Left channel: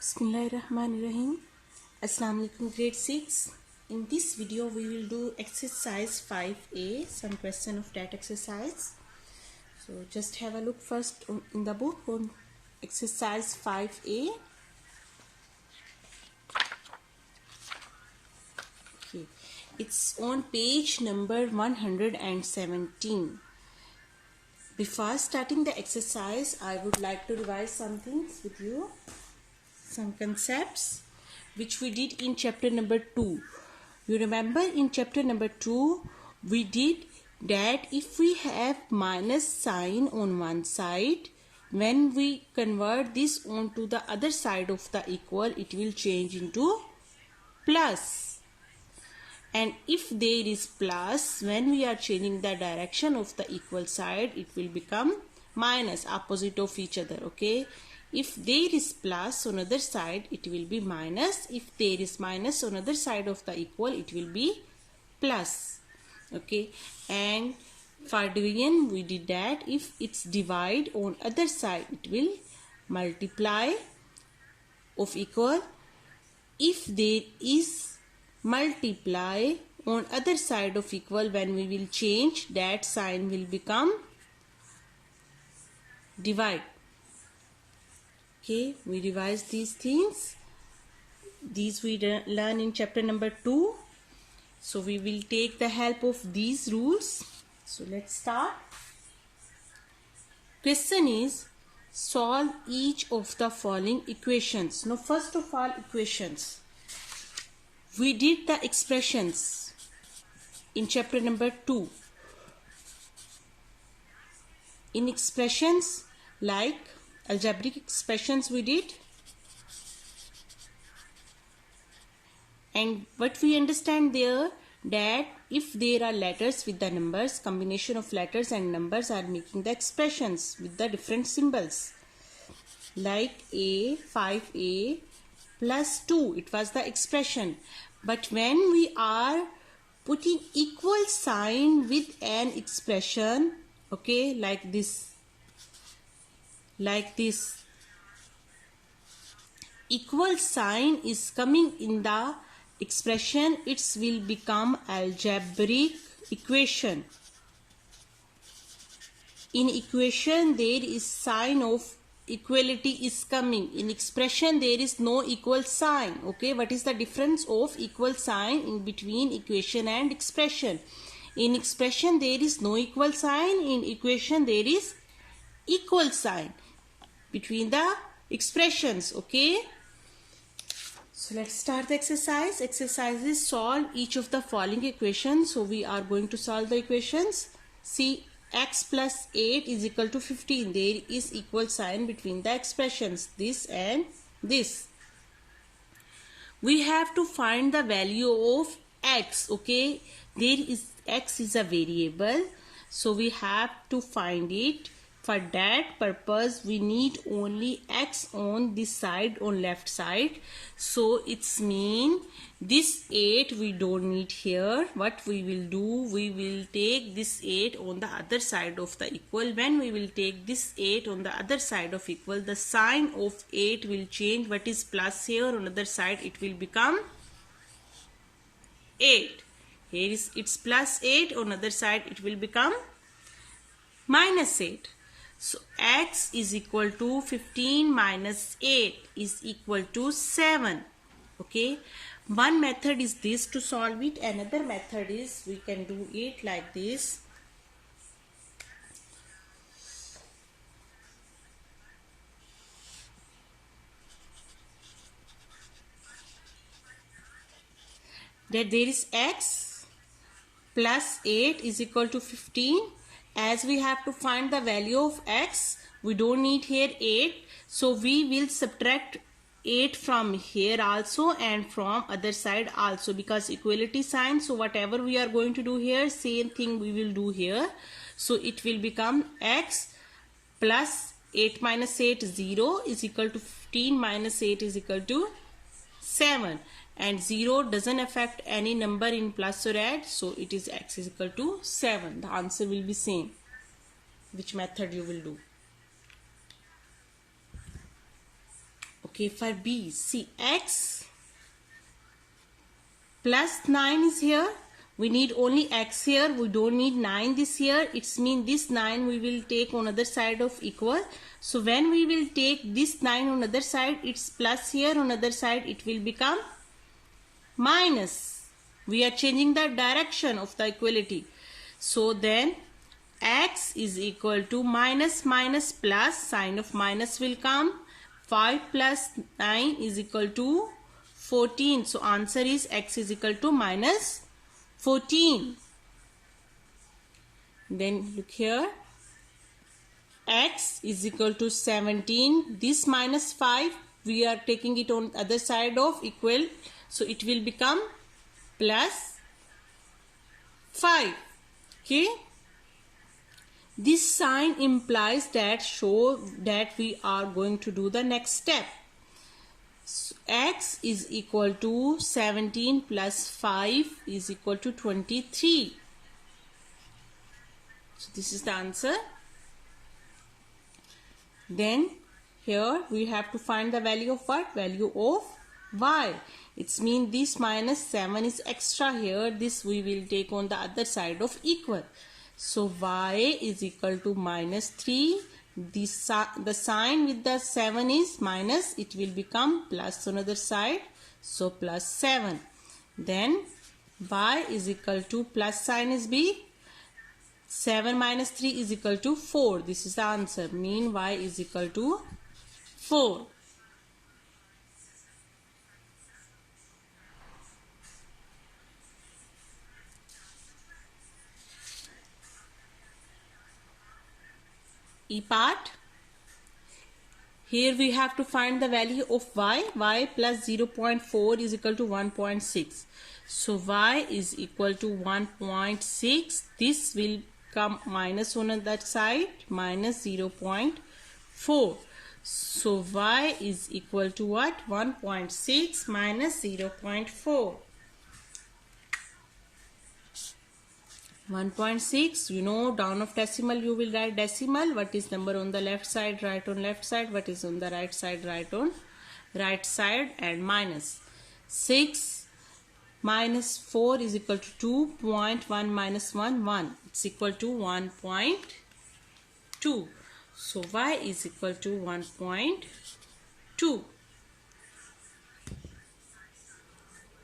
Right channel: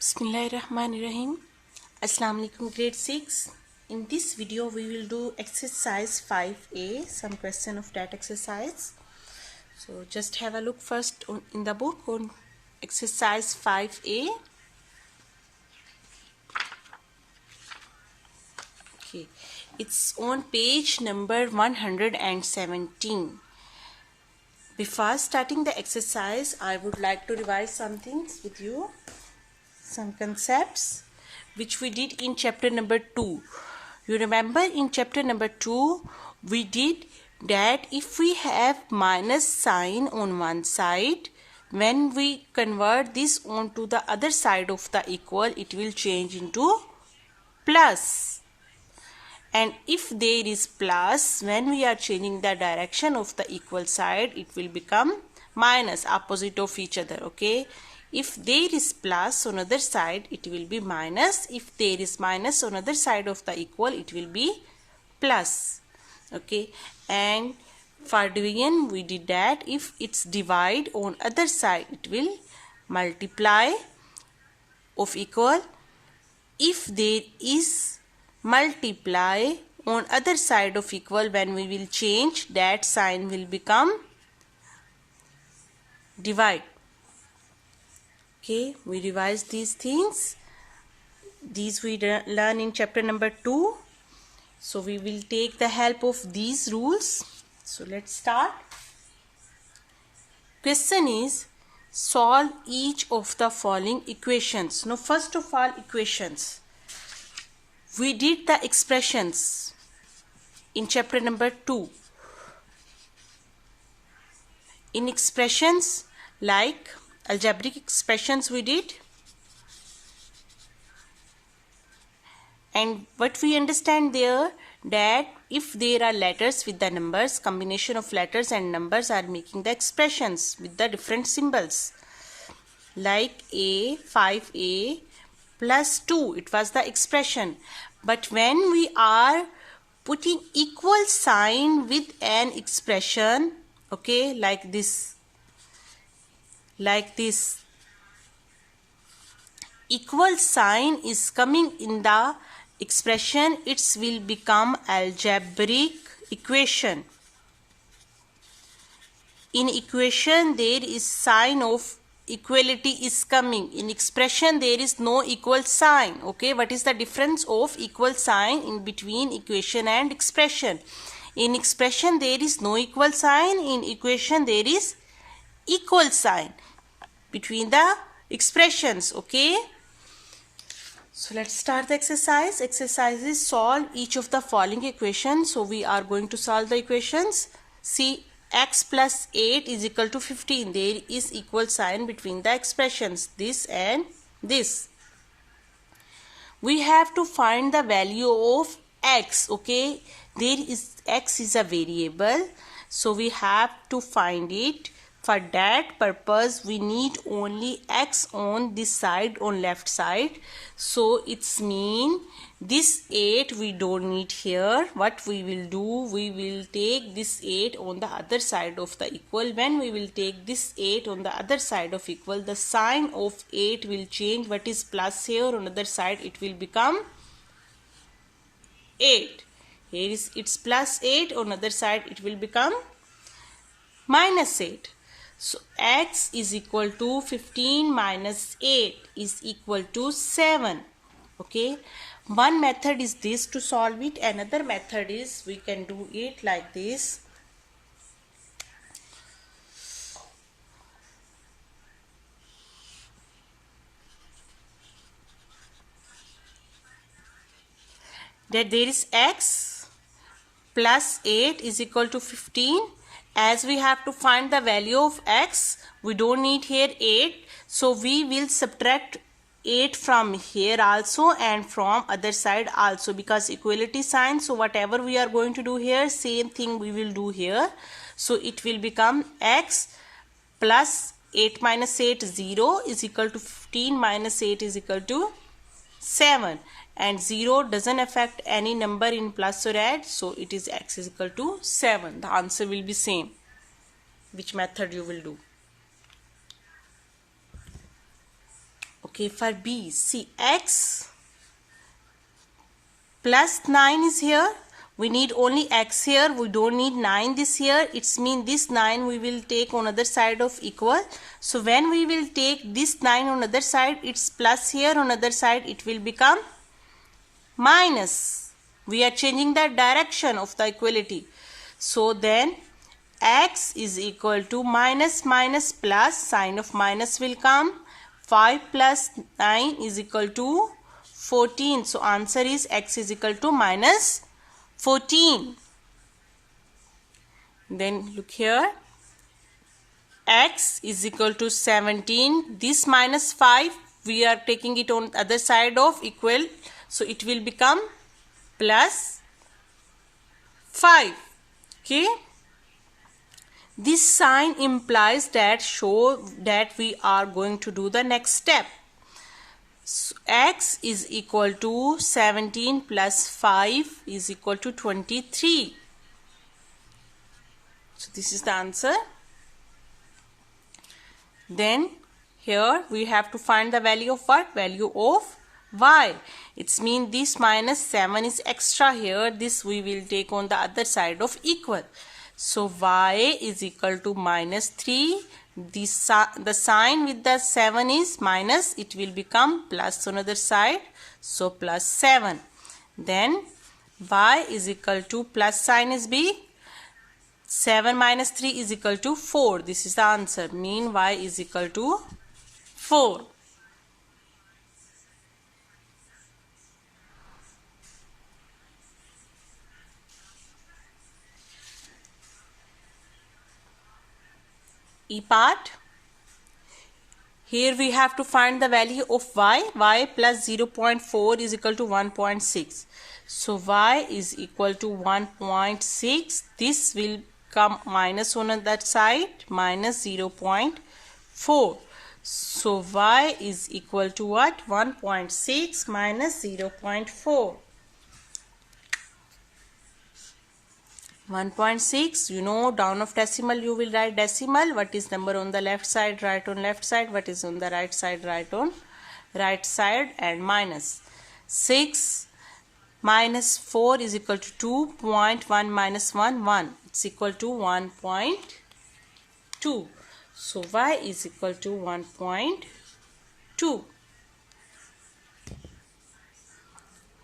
Bismillahirrahmanirrahim. Assalamu alaikum, grade 6. In this video we will do exercise 5a, some question of that exercise. So just have a look first in the book on exercise 5a. Okay, it's on page number 117. Before starting the exercise, I would like to revise some things with you. Some concepts which we did in chapter number 2. You remember in chapter number 2 we did that if we have minus sign on one side, when we convert this onto the other side of the equal, it will change into plus. And if there is plus, when we are changing the direction of the equal side, it will become minus, opposite of each other. Okay, if there is plus on other side, it will be minus. If there is minus on other side of the equal, it will be plus. Okay, and for division we did that if it's divide on other side, it will multiply of equal. If there is multiply on other side of equal, when we will change, that sign will become divide. Okay, we revise these things. These we learn in chapter number 2. So we will take the help of these rules. So let's start. Question is, solve each of the following equations. Now first of all, equations. We did the expressions in chapter number 2. In expressions like algebraic expressions we did, and what we understand there, that if there are letters with the numbers, combination of letters and numbers are making the expressions with the different symbols, like a 5a plus 2, it was the expression. But when we are putting equal sign with an expression, okay, like this, equal sign is coming in the expression, it will become algebraic equation. In equation there is sign of equality is coming. In expression there is no equal sign. Okay, what is the difference of equal sign in between equation and expression? In expression there is no equal sign. In equation there is equal sign between the expressions. Okay, so let's start the exercise. Exercise is solve each of the following equations. So we are going to solve the equations. See, x plus 8 is equal to 15. There is equal sign between the expressions, this and this. We have to find the value of x. Okay, there is x is a variable, so we have to find it. For that purpose we need only x on this side, on left side. So it's mean this 8 we don't need here. What we will do, we will take this 8 on the other side of the equal. When we will take this 8 on the other side of equal, the sign of 8 will change. What is plus here on the other side, it will become 8. Here is it's plus 8, on the other side it will become minus 8. So x is equal to 15 minus 8 is equal to 7. Okay, one method is this to solve it. Another method is we can do it like this. That there is x plus 8 is equal to 15. As we have to find the value of x, we don't need here 8. So we will subtract 8 from here also and from other side also, because equality sign. So whatever we are going to do here, same thing we will do here. So it will become x plus 8 minus 8, 0 is equal to 15 minus 8 is equal to 7. And 0 doesn't affect any number in plus or add, so it is x is equal to 7. The answer will be same, which method you will do. Okay. Okay, for B, see x plus 9 is here. We need only x here. We don't need 9 this here. It's mean this 9 we will take on other side of equal. So when we will take this 9 on other side, it's plus here. On other side, it will become minus. We are changing the direction of the equality. So then x is equal to minus minus plus. Sign of minus will come. 5 plus 9 is equal to 14. So answer is x is equal to minus 14. Then look here. X is equal to 17. This minus 5, we are taking it on other side of equal. So it will become plus 5. Okay. This sign implies that show that we are going to do the next step. So x is equal to 17 plus 5 is equal to 23. So this is the answer. Then here we have to find the value of what? Value of y. It's mean this minus 7 is extra here. This we will take on the other side of equal. So y is equal to minus 3. The sign with the 7 is minus. It will become plus on other side. So plus 7. Then y is equal to plus sign is b. 7 minus 3 is equal to 4. This is the answer. Mean y is equal to 4. E part. Here we have to find the value of y. Y plus 0.4 is equal to 1.6. So y is equal to 1.6. This will come minus on that side, minus 0.4. So y is equal to what? 1.6 minus 0.4. 1.6, you know, down of decimal you will write decimal. What is number on the left side, write on left side. What is on the right side, write on right side, and minus. 6 minus 4 is equal to 2.1 minus 1, 1. It's equal to 1.2. So y is equal to 1.2.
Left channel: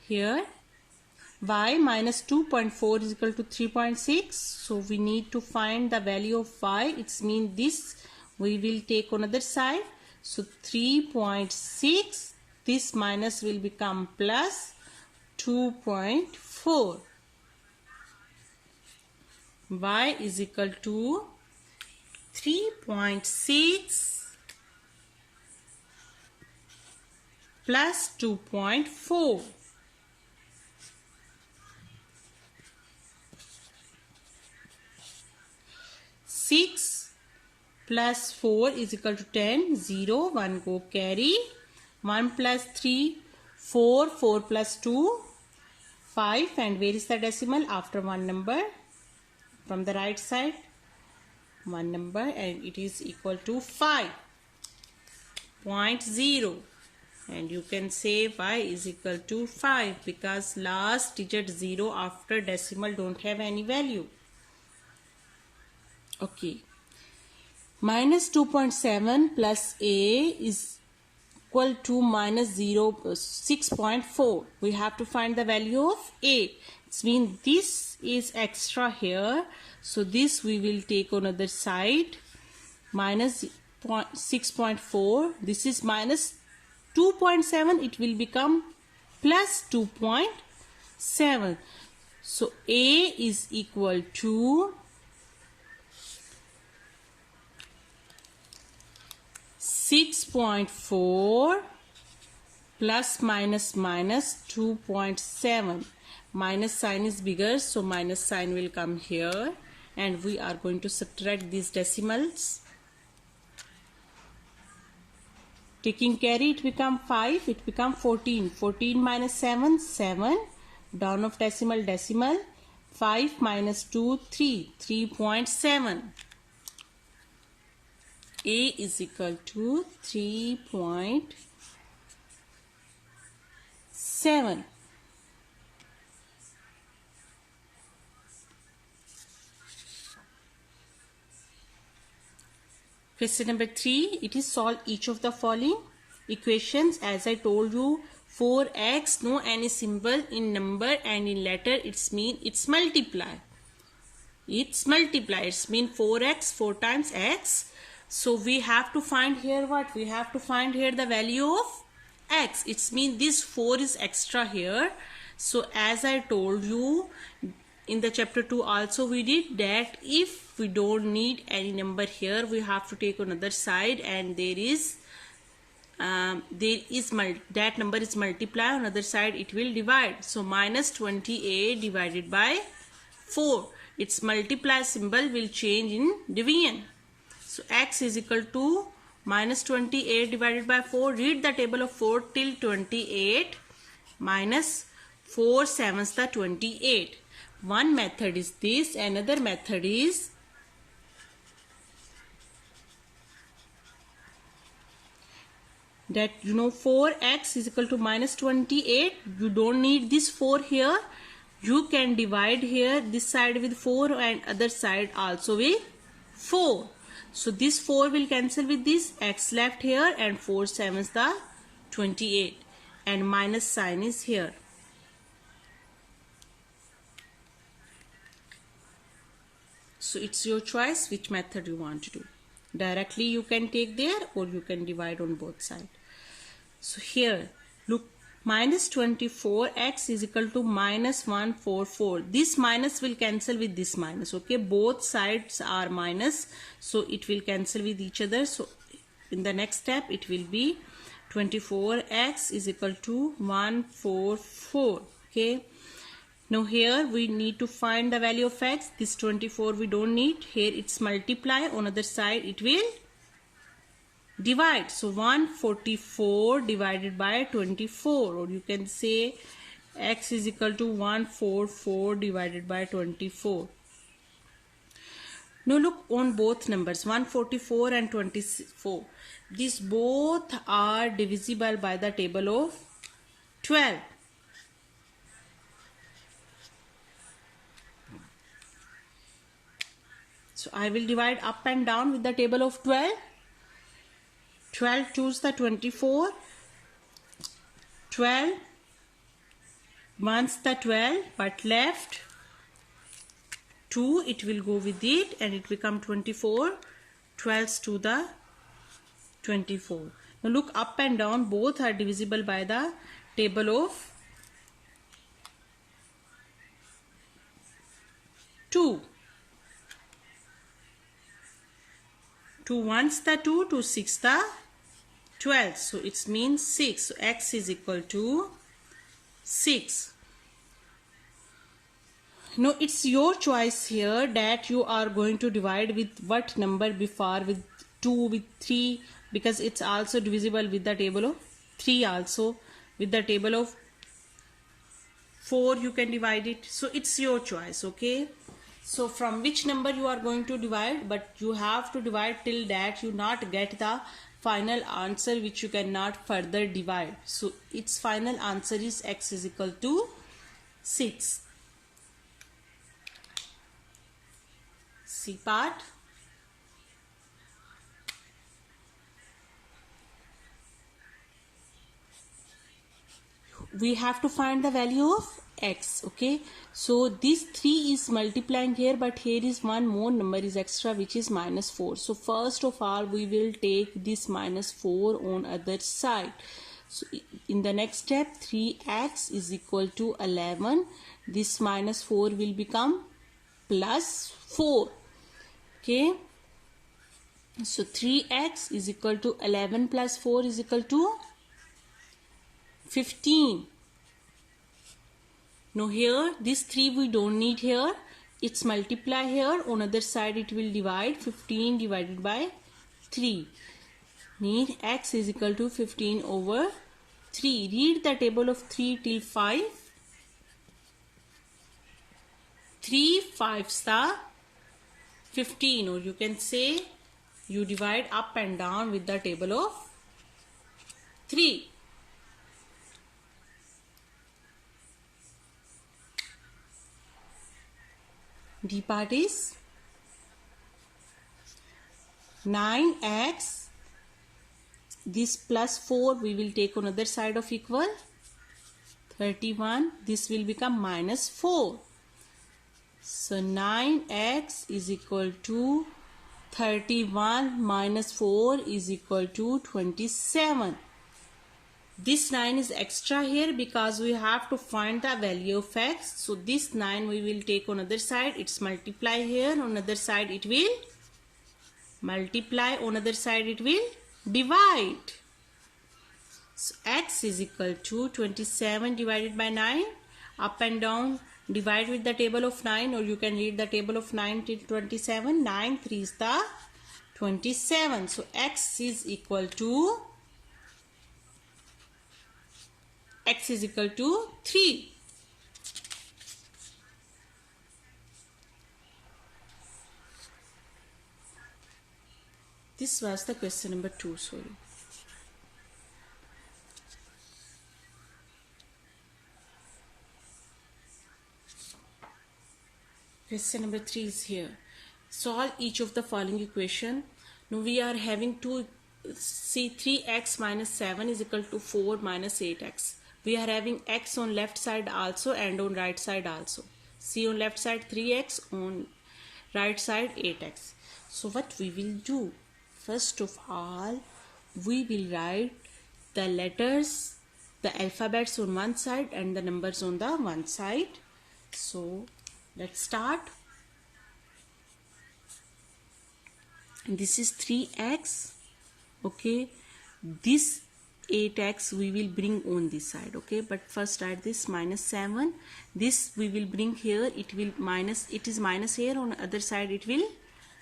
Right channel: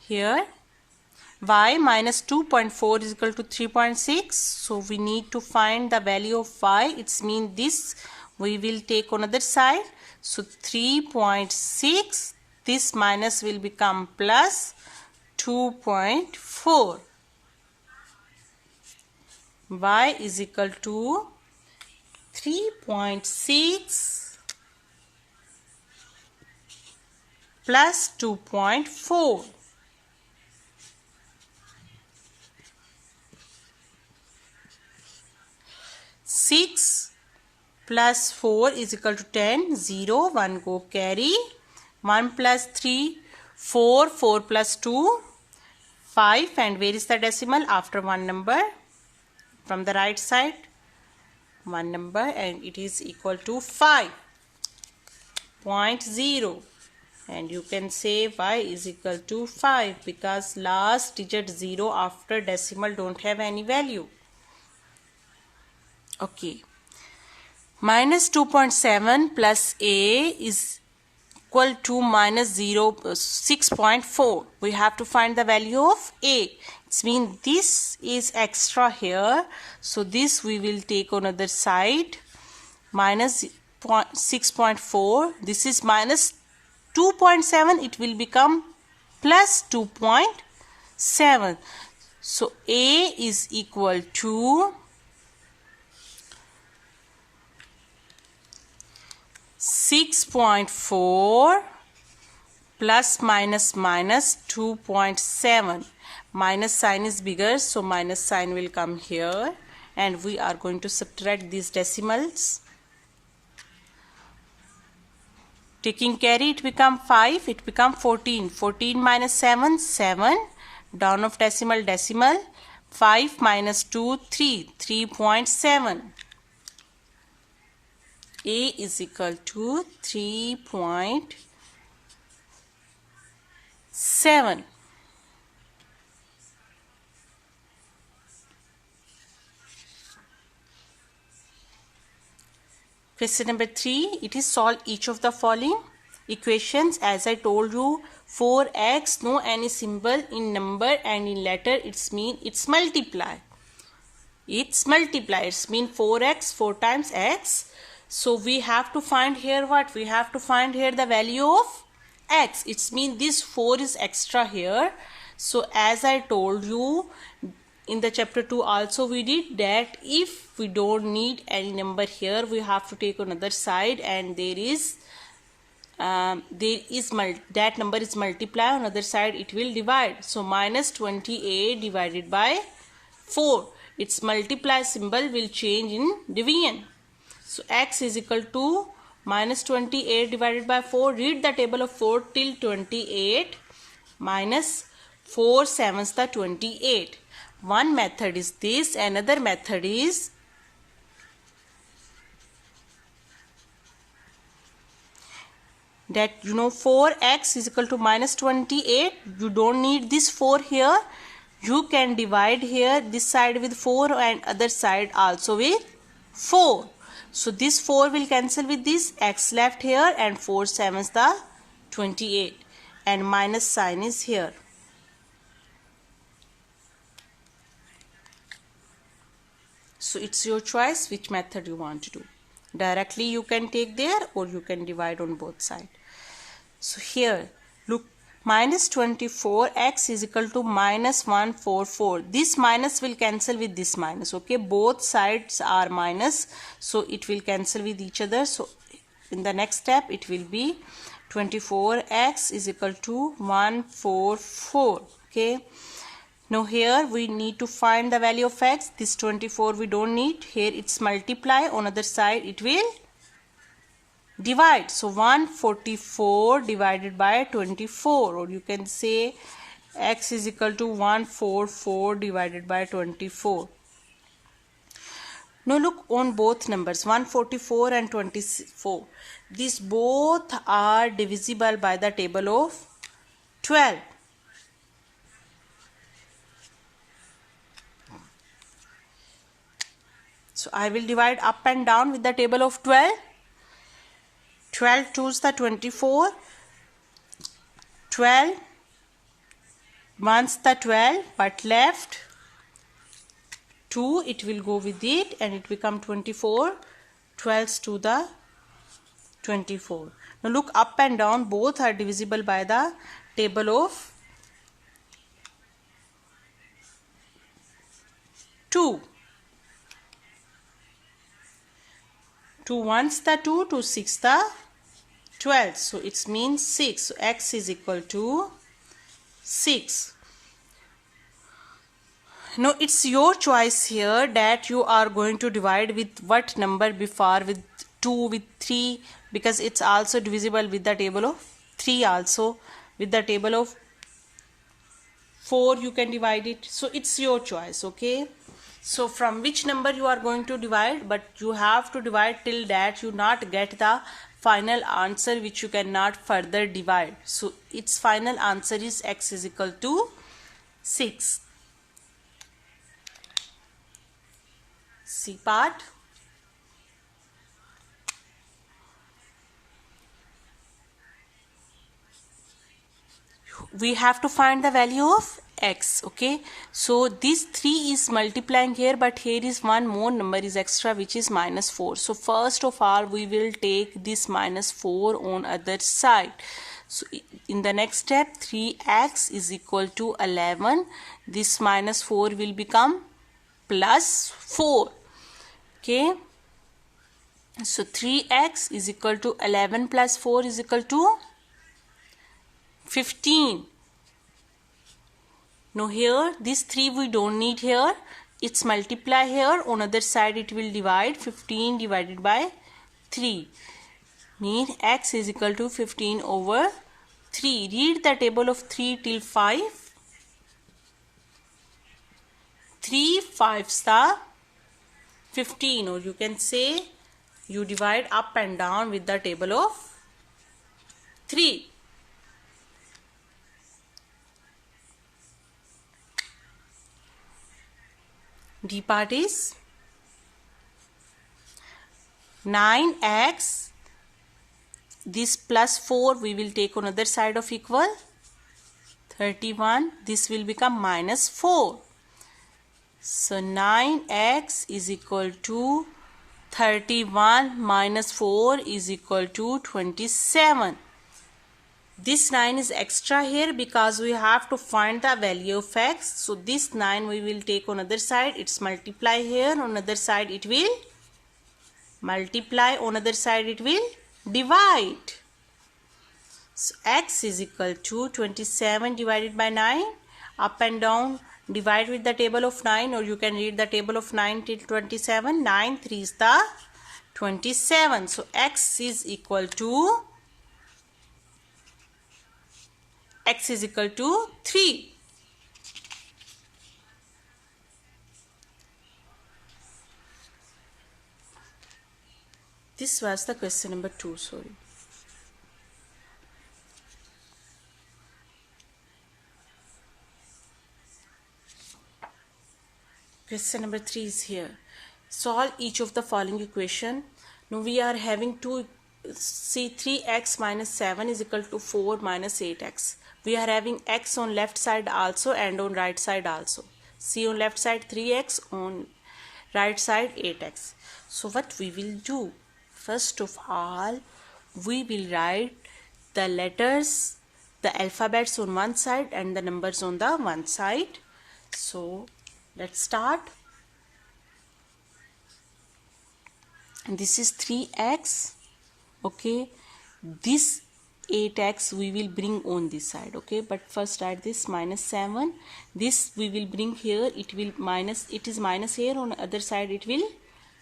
Here y minus 2.4 is equal to 3.6. So we need to find the value of y. It's mean this we will take on other side. So 3.6. This minus will become plus 2.4. Y is equal to 3.6 plus 2.4. 6 plus 4 is equal to 10. 0, 1 go carry. 1 plus 3, 4, 4 plus 2, 5. And where is the decimal? After one number. From the right side, one number, and it is equal to 5.0. And you can say y is equal to 5 because last digit 0 after decimal don't have any value. Okay. Minus 2.7 plus a is equal to minus 6.4. We have to find the value of a. It means this is extra here. So this we will take on other side. Minus 6.4. This is minus 2.7. It will become plus 2.7. So a is equal to 6.4 plus minus 2.7. Minus sign is bigger, so minus sign will come here, and we are going to subtract these decimals. Taking carry, it become 5, it become 14. 14 minus 7, 7. Down of decimal, decimal. 5 minus 2, 3. 3.7. A is equal to 3.7. 7. Question number 3. It is solve each of the following equations. As I told you, 4x, no any symbol in number and in letter, it's mean it's multiply. It's multiply. It's mean 4x, 4 times x. So we have to find here what? We have to find here the value of x. It's mean this 4 is extra here. So as I told you in the chapter 2 also we did that if we don't need any number here, we have to take another side and that number is multiply, on other side it will divide. So minus 28 divided by 4. Its multiply symbol will change in division. So x is equal to minus 28 divided by 4. Read the table of 4 till 28. Minus 4 sevens the 28. One method is this. Another method is that 4x is equal to minus 28. You don't need this 4 here. You can divide here this side with 4 and other side also with 4. So this 4 will cancel with this, x left here, and 4 sevens the 28, and minus sign is here. So it's your choice which method you want to do. Directly you can take there or you can divide on both sides. So here look, minus 24x is equal to minus 144. This minus will cancel with this minus. Okay, both sides are minus, so it will cancel with each other. So in the next step it will be 24x is equal to 144. Okay, now here we need to find the value of x. This 24 we don't need. Here it's multiply, on other side it will divide. So 144 divided by 24, or you can say x is equal to 144 divided by 24. Now look on both numbers 144 and 24. These both are divisible by the table of 12. So I will divide up and down with the table of 12. 12 2's the 24. 12 1's the 12, but left 2, it will go with it and it become 24. 12's to the 24. Now look up and down, both are divisible by the table of 2. 2 1's the 2, 2 6 the 12. So it means 6. So x is equal to 6. Now it's your choice here that you are going to divide with what number before, with 2, with 3, because it's also divisible with the table of 3 also. With the table of 4 you can divide it. So it's your choice. Okay, so from which number you are going to divide, but you have to divide till that you not get the final answer which you cannot further divide. So its final answer is x is equal to 6. C part. We have to find the value of x. Okay, so this 3 is multiplying here, but here is one more number is extra, which is minus 4. So first of all we will take this minus 4 on other side. So in the next step 3x is equal to 11. This minus 4 will become plus 4. Okay, so 3x is equal to 11 plus 4 is equal to 15. Now here this 3 we don't need here. It's multiply here, on other side it will divide. 15 divided by 3 mean x is equal to 15 over 3. Read the table of 3 till 5. 3 5's the 15, or you can say you divide up and down with the table of 3. D part is 9x. This plus 4 we will take on other side of equal 31. This will become minus 4. So 9x is equal to 31 minus 4 is equal to 27. This 9 is extra here because we have to find the value of x. So this 9 we will take on other side. It's multiply here. On other side it will multiply. On other side it will divide. So x is equal to 27 divided by 9. Up and down. Divide with the table of 9, or you can read the table of 9 till 27. 9 3 is the 27. So x is equal to 3. This was the question number 2. Sorry. Question number 3 is here. Solve each of the following equation. Now we are having 3x minus 7 is equal to 4 minus 8x. We are having x on left side also and on right side also. See, on left side 3x, on right side 8x. So what we will do? First of all, we will write the letters, the alphabets on one side and the numbers on the one side. So let's start. And this is 3x. Okay. This 8x we will bring on this side. Okay. But first write this minus 7. This we will bring here. It will minus. It is minus here. On the other side it will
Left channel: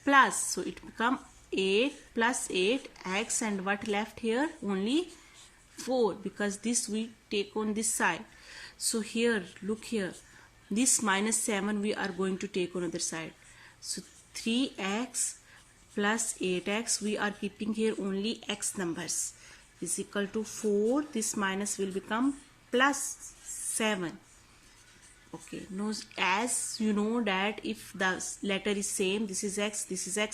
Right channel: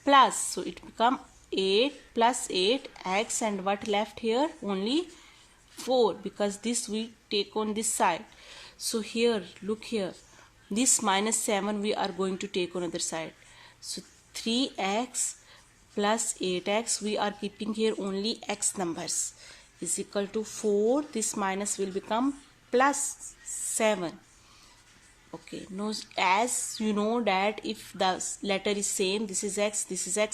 plus. So it become 8 plus 8x, and what left here? Only 4, because this we take on this side. So here, look here. This minus 7 we are going to take on other side. So 3x plus 8x, we are keeping here only x numbers, is equal to 4. This minus will become plus 7. Okay, now as you know that if the letter is same, this is x,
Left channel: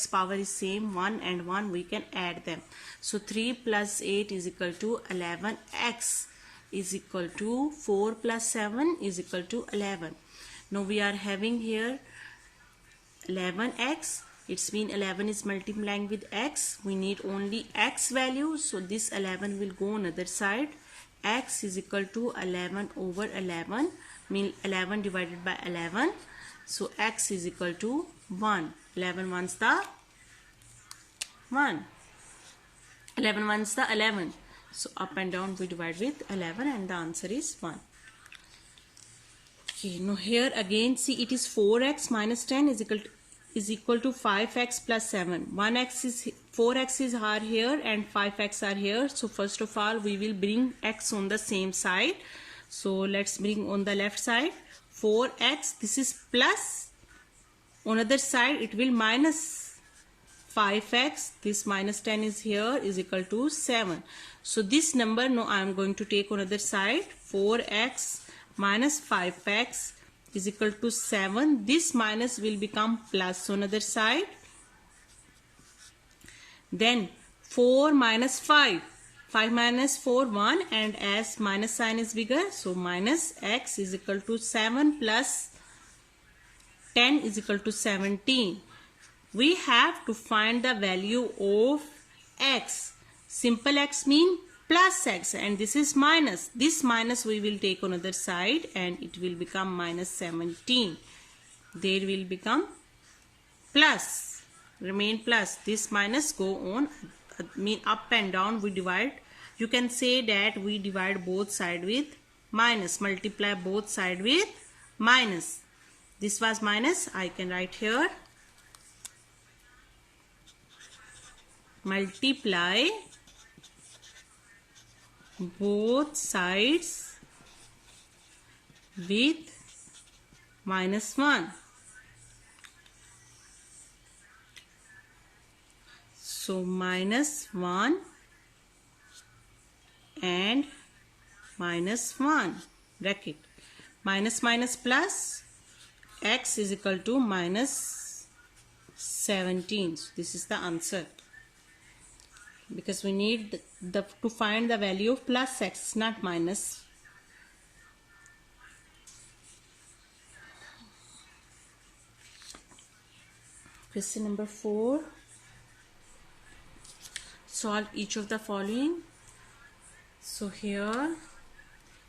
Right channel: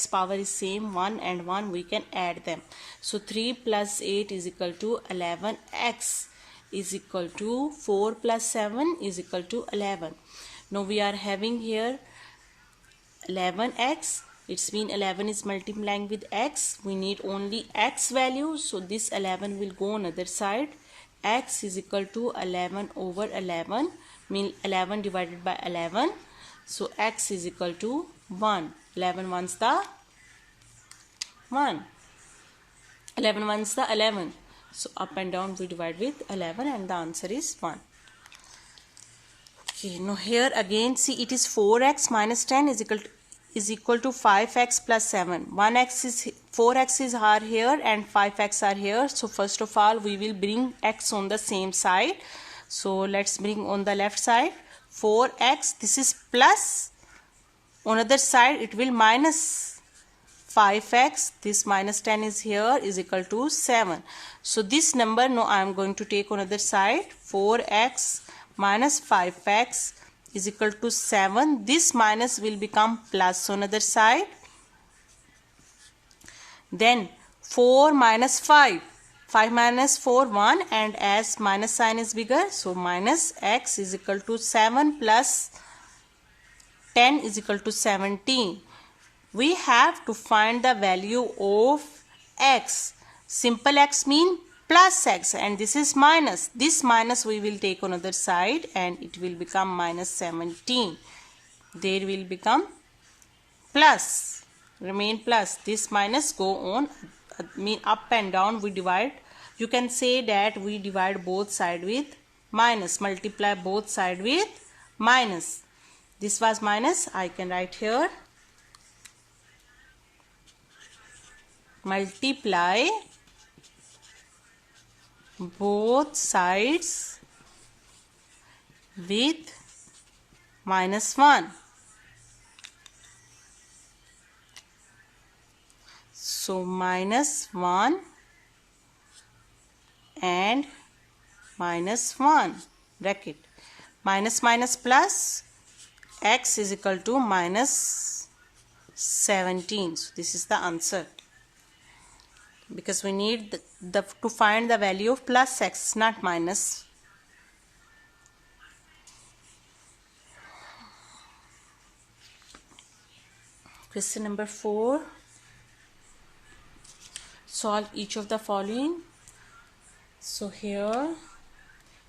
power is same, 1 and 1, we can add them. So 3 plus 8 is equal to 11x. Is equal to 4 plus 7 is equal to 11. Now we are having here 11x. It's mean 11 is multiplying with x. We need only x value. So this 11 will go on other side. X is equal to 11 over 11. Mean 11 divided by 11. So x is equal to 1. 11 ones the 1. 11 ones the 11. So up and down we divide with 11 and the answer is 1. Okay, now here again see, it is 4x minus 10 is equal to 5x plus 7. 4x is here and 5x are here. So first of all we will bring x on the same side. So let's bring on the left side 4x. This is plus. On other side it will minus 5x. This minus 10 is here, is equal to 7. So this number now I am going to take on other side. 4x minus 5x is equal to 7. This minus will become plus on other side. Then 4 minus 5. 5 minus 4, 1, and as minus sign is bigger, so minus x is equal to 7 plus 10 is equal to 17. We have to find the value of x. Simple x mean plus x, and this is minus. This minus we will take on other side and it will become minus 17. There will become plus, remain plus. This minus go on, mean up and down we divide. You can say that we divide both side with minus, multiply both side with minus. This was minus, I can write here multiply both sides with minus 1. So minus 1 and minus 1 bracket, minus minus plus x is equal to minus 17. So this is the answer, because we need to find the value of plus x, not minus. Question number 4. Solve each of the following. So here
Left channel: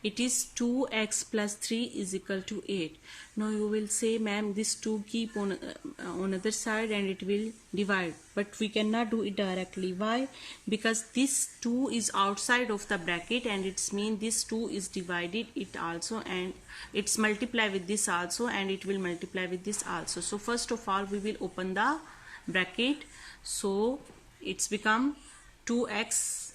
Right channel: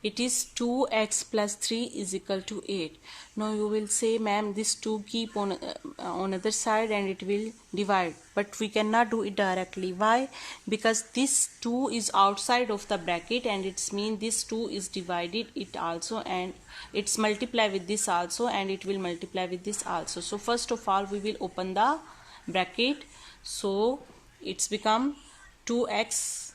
it is 2x plus 3 is equal to 8. Now you will say, ma'am, this 2 keep on other side and it will divide. But we cannot do it directly. Why? Because this 2 is outside of the bracket, and it's mean this 2 is divided it also, and it's multiply with this also, and it will multiply with this also. So first of all we will open the bracket. So it's become 2x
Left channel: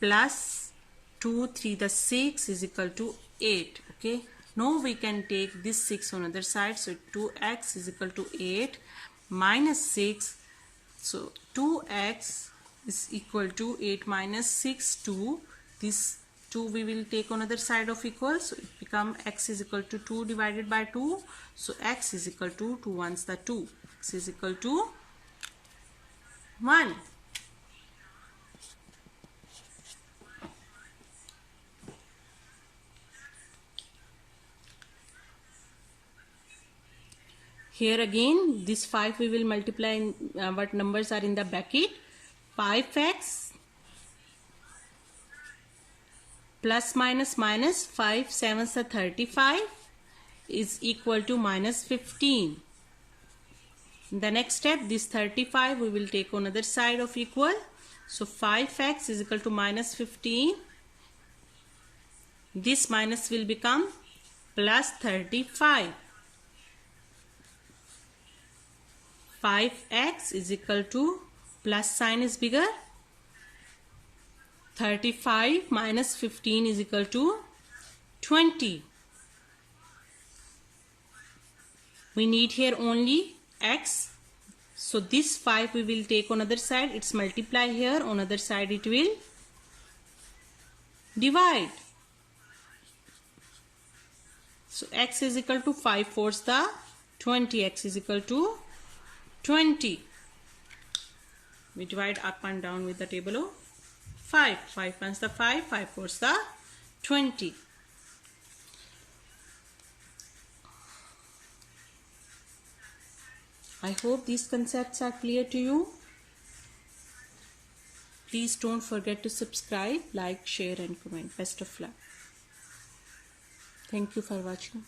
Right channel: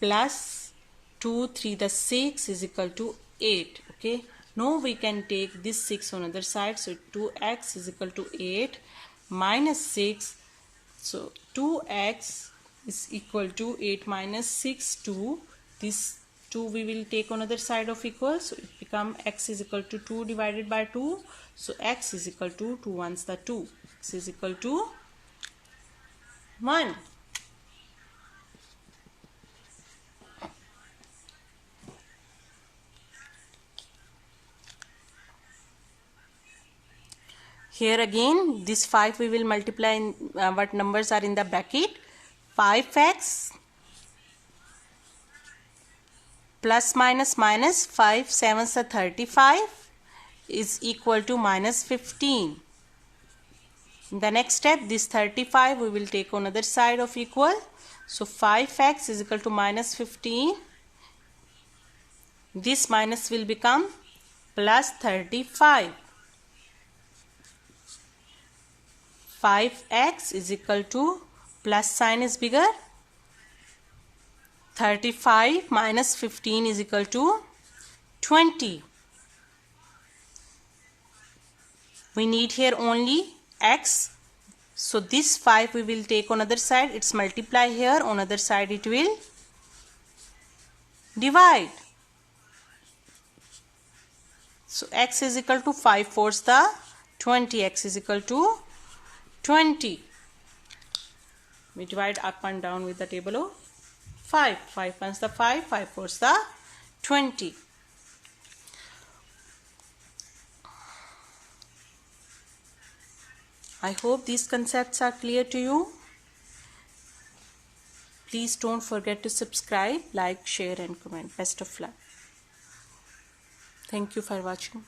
plus 2 3 the 6 is equal to 8. Okay, now we can take this 6 on other side. So 2x is equal to 8 minus 6. So 2x is equal to 8 minus 6, 2. This 2 we will take on other side of equal. So it become x is equal to 2 divided by 2. So x is equal to 2 ones the 2. X is equal to 1. Here again this 5 we will multiply in what numbers are in the bracket. 5x plus minus minus 5 7s are 35 is equal to minus 15. In the next step, this 35 we will take on other side of equal. So 5x is equal to minus 15. This minus will become plus 35. 5x is equal to, plus sign is bigger, 35 minus 15 is equal to 20. We need here only x. So this 5 we will take on other side. It's multiply here. On other side it will divide. So x is equal to 5 fours the 20. X is equal to 20. We divide up and down with the table of 5. 5 ones the 5. 5 fours the 20. I hope these concepts are clear to you. Please don't forget to subscribe, like, share and comment. Best of luck. Thank you for watching.